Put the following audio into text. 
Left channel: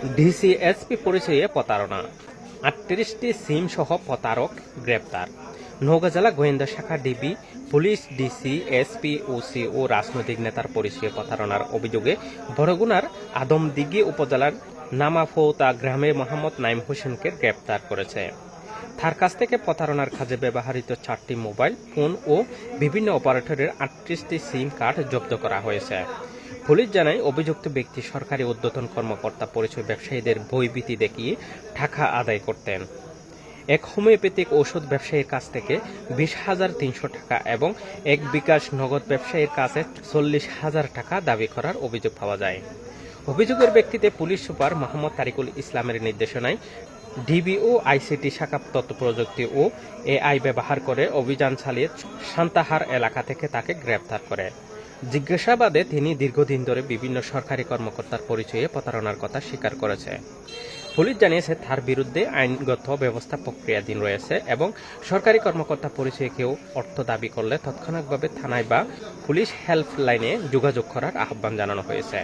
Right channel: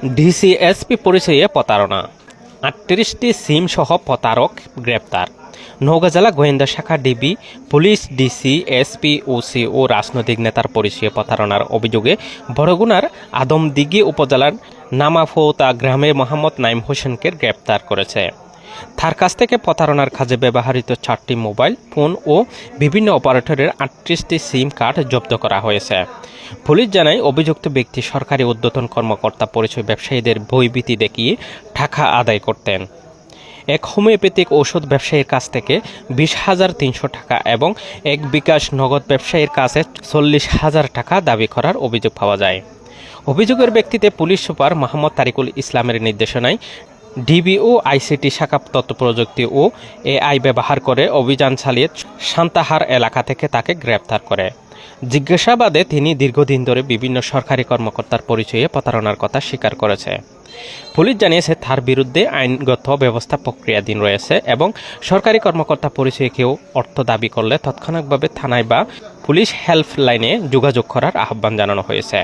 DC SP পরিচয়ে প্রতারণা, ৩৮টি সিম সহ প্রতারক গ্রেপ্তার। নওগাঁ জেলা গোয়েন্দা শাখা DB police DC SP OC ও রাজনৈতিক নেতার পরিচয়ে প্রতারণার অভিযোগে বরগুনার আদমদিঘি উপজেলার নামাফৌতা গ্রামে মোহাম্মদ নাইম হোসেনকে গ্রেপ্তার করেছে। তার কাছ থেকে প্রতারণার কাজে ব্যবহৃত 4টি মোবাইল ফোন ও বিভিন্ন অপারেটরের 38টি সিম কার্ড জব্দ করা হয়েছে। পুলিশ জানায়, অভিযুক্ত ব্যক্তি সরকারি ঊর্ধ্বতন কর্মকর্তা পরিচয় ব্যবসায়ীদের ভয়ভীতি দেখিয়ে টাকা আদায় করতেন। এক হোমিওপ্যাথিক ঔষধ ব্যবসায়ীর কাছ থেকে 20,300 টাকা এবং এক বিকাশ নগদ ব্যবসায়ীর কাছে 40,000 টাকা দাবি করার অভিযোগ পাওয়া যায়। অভিযোগের ব্যক্তিতে পুলিশ সুপার মোহাম্মদ তারিকুল ইসলামের নির্দেশনায় ডিবিও আইসিটি শাখা তথ্য প্রযুক্তি ও এআই ব্যবহার করে অভিযান চালিয়ে সান্তাহার এলাকা থেকে তাকে গ্রেপ্তার করে। জিজ্ঞাসাবাদে তিনি দীর্ঘদিন ধরে বিভিন্ন সরকারি কর্মকর্তার পরিচয়ে প্রতারণার কথা স্বীকার করেছে। পুলিশ জানিয়েছে, তার বিরুদ্ধে আইনগত ব্যবস্থা প্রক্রিয়াধীন রয়েছে এবং সরকারি কর্মকর্তা পরিচয়ে কেউ অর্থ দাবি করলে তৎক্ষণাৎভাবে থানায় বা পুলিশ হেল্পলাইনে যোগাযোগ করার আহ্বান জানানো হয়েছে।